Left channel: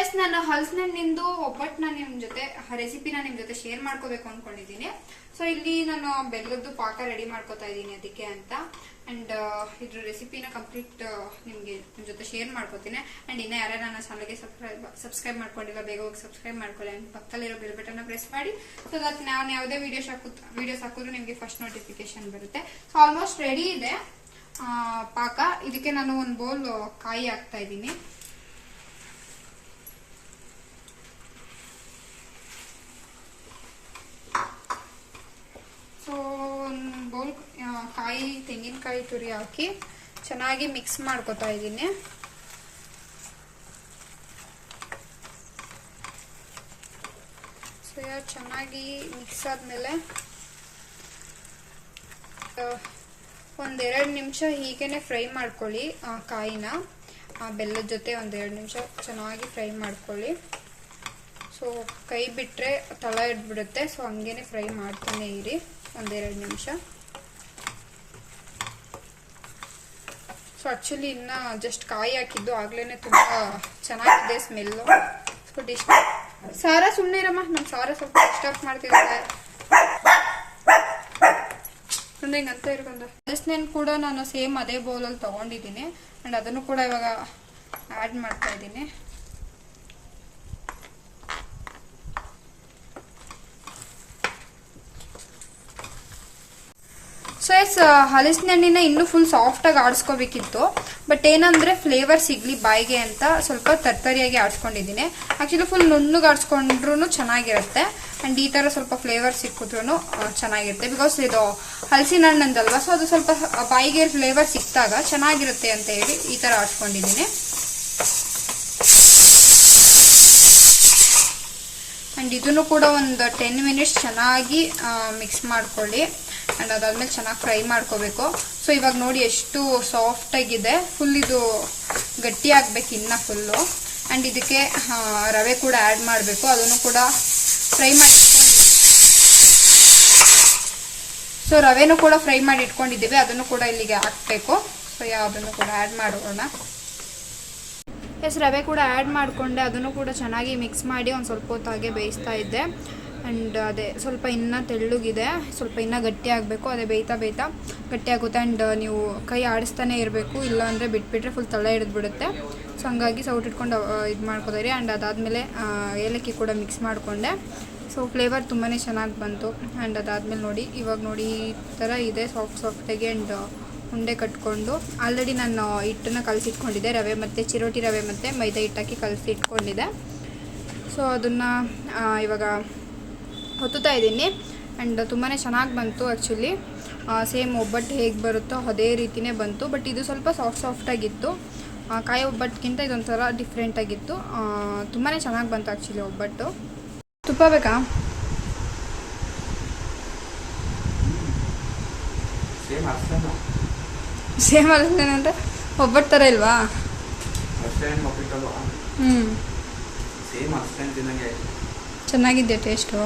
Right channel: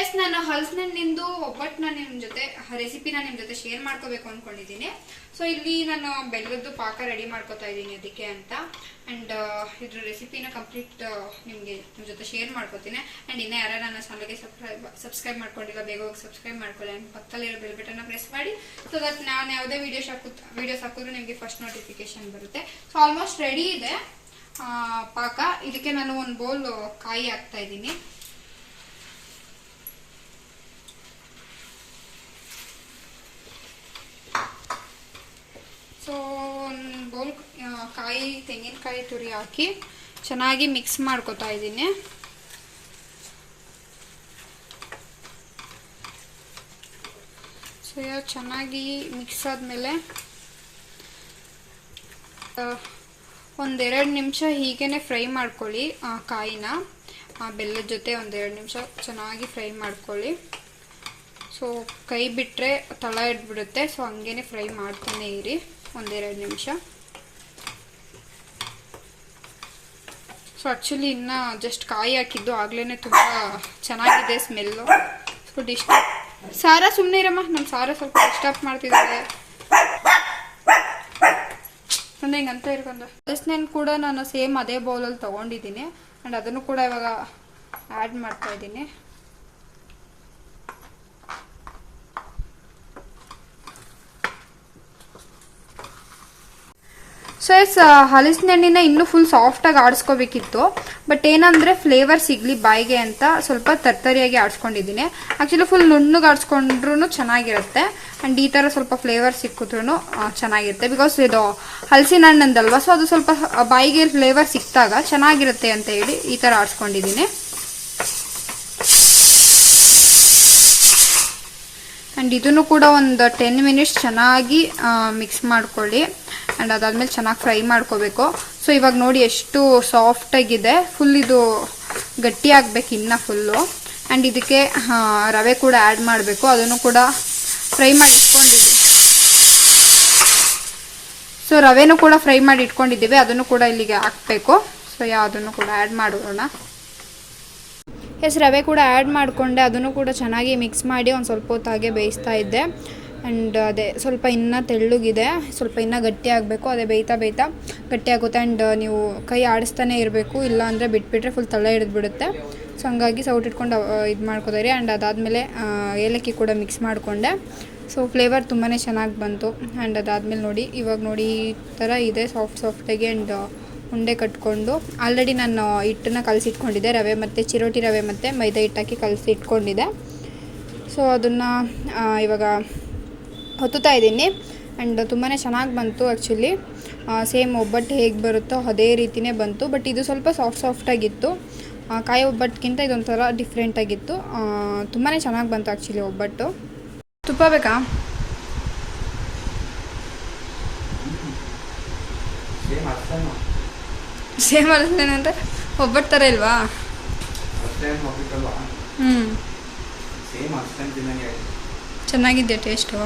S ನಾನು ನಿಂದು ಒಬ್ಬಟ್ಟನ್ನ ನಿಮ್ ಜೊತೆ ರೆಸಿಪಿನ ನಿಮ್ ಜೊತೆ ಶೇರ್ ಮಾಡ್ಕೋಬೇಕು ಅನ್ಕೊಂಡಿದ್ದೀನಿ. ಸೊ ಇಲ್ಲಿ ನಾನು ಬೆಲ್ಲದ್ದು ಪಾಕ ರೆಡಿ ಮಾಡ್ಕೋತಾ ಇದ್ದೀನಿ ಅದಕ್ಕೆ ಅಂತ. ಅಂಡ್ ಇದ್ರ ರೆಸಿಪಿನ ಕಂಪ್ಲೀಟ್ ನಿಮ್ಗೆ ನಿಮ್ ಜೊತೆ ಶೇರ್ ಮಾಡ್ಕೋತೀನಿ. ಅಂಡ್ ಇನ್ನ ಯಾರು ನನ್ನ ಚಾನಲ್ಗೆ ಸಬ್ಸ್ಕ್ರೈಬ್ ಸಬ್ಸ್ಕ್ರೈಬ್ ಮಾಡ್ಕೊಂಡಿಲ್ಲ, ಬೇಗ ಹೋಗಿ ಸಬ್ಸ್ಕ್ರೈಬ್ ಮಾಡ್ಕೊಳ್ಳಿ. ಅಂಡ್ ಪಕ್ಕದಲ್ಲಿರೋ ಬೆಲ್ ಪ್ರೆಸ್ ಮಾಡಿ. ಸೊ ದಟ್ ನಾನು ಯಾವುದೇ ವಿಡಿಯೋಸ್ ಹಾಕು ವಿಡಿಯೋಸ್ ಹಾಕಿದ್ರು ನಿಮಗೆ ಫಸ್ಟ್ ನೋಟಿಫಿಕೇಶನ್ ಬರುತ್ತೆ. ಸೊ ಆಲ್ಮೋಸ್ಟ್ ರೆಡಿ ಇದೆ ಪಾಕ. ಇದಕ್ಕೆ ನಾನು ಒಂದು ಬೌಲ್ ಕಾಯಿ ಹಾಕ್ತಾ ಇದ್ದೀನಿ ಸೊ ಒಂದು ಬೌಲ್ ಕಾಯಿ ತೆಂಗಿನಕಾಯಿ ತುರಿ ಹಾಕಿ ಚೆನ್ನಾಗಿ ಮಿಕ್ಸ್ ಮಾಡ್ಕೊತಾ ಇದ್ದೀನಿ. ಸೊ ಚೆನ್ನಾಗಿ ಮಿಕ್ಸ್ ಆದಮೇಲೆ ಒಂದೆರಡು ನಿಮಿಷ ಹೀಗೇನೆ ಫ್ರೈ ಮಾಡ್ಕೊಳ್ಳಿ, ಆ, ಕಾಯಿನ. ಆ, ಬೆಲ್ಲದ ಜೊತೆ ಒಂದೆರಡು ನಿಮಿಷ ಚೆನ್ನಾಗಿ ಫ್ರೈ ಮಾಡ್ಕೊಳ್ಳಿ. ಸೊ ಕೈ ಬಿಟ್ಟರೆ ತಳ ಇಟ್ಬಿಡುತ್ತೆ ಸೊ ಹಂಗೇನೆ ಫ್ರೈ ಮಾಡ್ತಾನೆ ಇರಿ ಒಂದೆರಡು ನಿಮಿಷ. ಸೊ ಆ್ಯಕ್ಚುಲಿ ಇನ್ನು ಜಸ್ಟ್ ಕಾಯಿ ಹಾಕಿದ್ದು ಆಗ್ಲೇನೆ ತುಂಬ ಚೆನ್ನಾಗಿದೆ ಸ್ಮೆಲ್ಲು ಸೊ ಸಾರ ಸುಮ್ಮನೆ ಇರಮ್ಮ ನಮ್ಮ ಸಾರ ಸ್ವಲ್ಪ ಡಿಸ್ಟರ್ಬ್ ಮಾಡ್ತಿದ್ದಾರೆ. ಸುಮ್ಮನೆ ಹಿಂಗಂತ ಇರ್ಕೊಂಡು. ಹಲಸಿನ ಕೂಡ ನಾನು ಸೇಮ್ ಅದೇ ಬೌಲಲ್ಲಿ ತಗೊಂಡಿದ್ದೀನಿ. ಆ್ಯಂಡ್ ಅದನ್ನು ಕೂಡ ಇವಾಗ ಆ್ಯಡ್ ಮಾಡ್ತಾ ಇದ್ದೀನಿ. ಸೊ ಎಸ್ ಹಲಸಿನ ಹಣ್ಣಿನ ಇನ್ನೂ ಫುಲ್ ಸಾಫ್ಟಾಗಿ ಆಡಿಸ್ಕೋಬೇಕಿತ್ತು. ಬಟ್ ಏನಂದ್ರೆ ಫ್ಲೇವರ್ ಸಿಗ್ಲಿ ಬಾಯಿಗೆ ಅಂತ ಸ್ವಲ್ಪ ತರ್ತರಿಯಾಗಿ ಆಡಿಸ್ಕೊಂಡಿದ್ದೀನಿ. ಆಕ್ಚುಲಿ ಫುಲ್ ನುಣ್ಣಗೆ ಆಡಿಸ್ಕೊಂಡ್ರೂ ಚೆನ್ನಾಗಿರುತ್ತೆ. ಅಂಡ್ ಈ ತರ ಸ್ವಲ್ಪ ಫ್ಲೇವರ್ ಸಿಕ್ಕಿದ್ರೂ ಚೆನ್ನಾಗಿರುತ್ತೆ. ಬಿಕಾಸ್ ಇದು ಹಲಸಿನ ಹಣ್ಣಂದಲ್ವ ಸೊ ಅದು ಸ್ವಲ್ಪ ಬಾಯಿಗೆ ಫ್ಲೇವರ್ ಸಿಕ್ತಾಗ ಚೆನ್ನಾಗಿರುತ್ತೆ ಅಂತ ಹೇಳಿ ಈ ತರ ಆಡಿಸ್ಕೊಂಡಿದ್ದೀನಿ. ಅಂಡ್ ಇದನ್ನು ಕೂಡ ಒಂದು ಟೆನ್ ಮಿನಿಟ್ಸ್ ಚೆನ್ನಾಗಿ ಮಿಕ್ಸ್ ಮಾಡ್ಕೊಳ್ಳಿ. ಅಂಡ್ ಅದಾದಮೇಲೆ ಚೆನ್ನಾಗಿ ಫ್ರೈ ಮಾಡ್ಕೋಬೇಕು. ಸೊ ಇವಾಗ ನೋಡಿ ಎಷ್ಟು ಸಾಫ್ಟಾಗಿದೆ ಫುಲ್ ಇದು ಗಟ್ಟಿ ಆಗಬೇಕು ಇನ್ನ ಫುಲ್ಲು ಆ್ಯಂಡ್ ಇದಕ್ಕೆ ರವೆ ಕೂಡ ಆ್ಯಡ್ ಮಾಡಬೇಕು. ಅದನ್ನು ಕೂಡ ಫ್ರೈ ಮಾಡಿ ಇಟ್ಕೊಂಡಿದ್ದೀವಿ ಸೊ ರವೆನೂ ಕೂಡ ಫ್ರೈ ಮಾಡಿ ಇಟ್ಕೊಂಡಿದ್ದೀವಿ ಅದನ್ನು ಕೂಡ ಇಲ್ಲಿಗೆ ಹಾಕ್ಬೇಕು. ಸೊ ಯಾವುದನ್ನು ಕೂಡ ಆ್ಯಡ್ ಮಾಡೋಣ. ಎಸ್ ರವೆ ಕೂಡ ಆ್ಯಡ್ ಮಾಡಿಕೊಂಡೆ. ಅದನ್ನು ಕೂಡ ಚೆನ್ನಾಗಿ ಮಿಕ್ಸ್ ಮಾಡಿ ಒಂದು ಸ್ವಲ್ಪ ಹೊತ್ತಾಗೆ ಬೇಯಿಸ್ತಾ ಇದ್ದೆ. ಆ್ಯಂಡ್ ಅದೇ ಸ್ವಲ್ಪ ಇನ್ನೂ ತೆಳ್ಳಗಿದೆ, ಸ್ವಲ್ಪ ಇನ್ನೂ ಗಟ್ಟಿ ಆಗಬೇಕು, ಅದೇ ಬೇಯ್ತಾ ಬೇಯ್ತಾ ಗಟ್ಟಿ ಆಗುತ್ತೆ. ಆ್ಯಂಡ್ ನೀವು ಕೈ ಆಡಿಸ್ತಾನೆ ಇರಬೇಕು ಇಲ್ಲ ಅಂದರೆ ಬಿಟ್ಬಿಟ್ರೆ ಫುಲ್ ತಳ ಹಿಡಿದ್ಬಿಡುತ್ತೆ. ಸೊ ಹಂಗಾಗಿ ಸೌಟ್ ಇಟ್ಕೊಂಡು ಇದು ಮಾಡ್ಕೋತಾರೆ. ಆ್ಯಂಡ್ ಅದಾದಮೇಲೆ ಏಲಕ್ಕಿ ಕೂಡ ಮಿಕ್ಸ್ ಮಾಡಿಕೊಂಡೆ. ಸೊ ಫ್ಲೇವರ್ ತುಂಬಾ ಚೆನ್ನಾಗಿ ಬಂತು. ಆ್ಯಂಡ್ ಅದಾದಮೇಲೆ ನೋಡಿ, ಇವಾಗ ನೋಡಿ ಈ ಥರ ಇದೆ ಸಾಫ್ಟ್ ಸಾಫ್ಟಾಗಿ ಆ್ಯಂಡ್ ಉಂಡೆ ಕಟ್ಕೊಂಡು. ಆಲ್ರೆಡಿ ನಾನು ಹಿಟ್ಟನ್ನ ಕಲಸಿಟ್ಕೊಂಡಿದ್ದೆ, ರವೆ ಮತ್ತು ಚಿರೋಟಿ ರವೆ ಮತ್ತು ಮೈದಾ ಹಿಟ್ಟಾಕಿ ಕಲಸಿ ಇಟ್ಕೊಂಡಿದ್ದೆ ಸೊ ಅದನ್ನು ಇವಾಗ ಹೊತ್ತುತ್ತಾ ಇದ್ದೀನಿ. ಆ್ಯಂಡ್ ತುಂಬಾ ಚೆನ್ನಾಗಿ ಬಂತು ಆ್ಯಕ್ಚುಲಿ ಸೇಮ್ ಒಬ್ಬಟ್ಟು ಹೇಗೆ ಬರುತ್ತೋ ಅದೇ ರೀತಿಯೇ ಬಂತು. ಬಟ್ ಇದು ಸ್ವಲ್ಪ ಸಾಫ್ಟ್ ಸಾಫ್ಟಾಗಿತ್ತು ಕಾಯಿ ಒಬ್ಬಟ್ಟಿಗಿಂತ ಇದೊಂಥರ ಡಿಫ್ರೆಂಟಾಗಿತ್ತು ತುಂಬಾ ಚೆನ್ನಾಗಿ ಬಂತು ಆ್ಯಕ್ಚುಲಿ ಒಬ್ಬಟ್ಟು. ತುಪ್ಪ ಬೇಕಾ? ಸೇಮ್ ಅಲ್ಲಂದ್ರೆ ಒಬ್ಬಟ್ಟು ಥರ ಇಲ್ವಾ? ಹ್ಞೂ ತಿನ್ನಂಗೆ ಟೇಸ್ಟು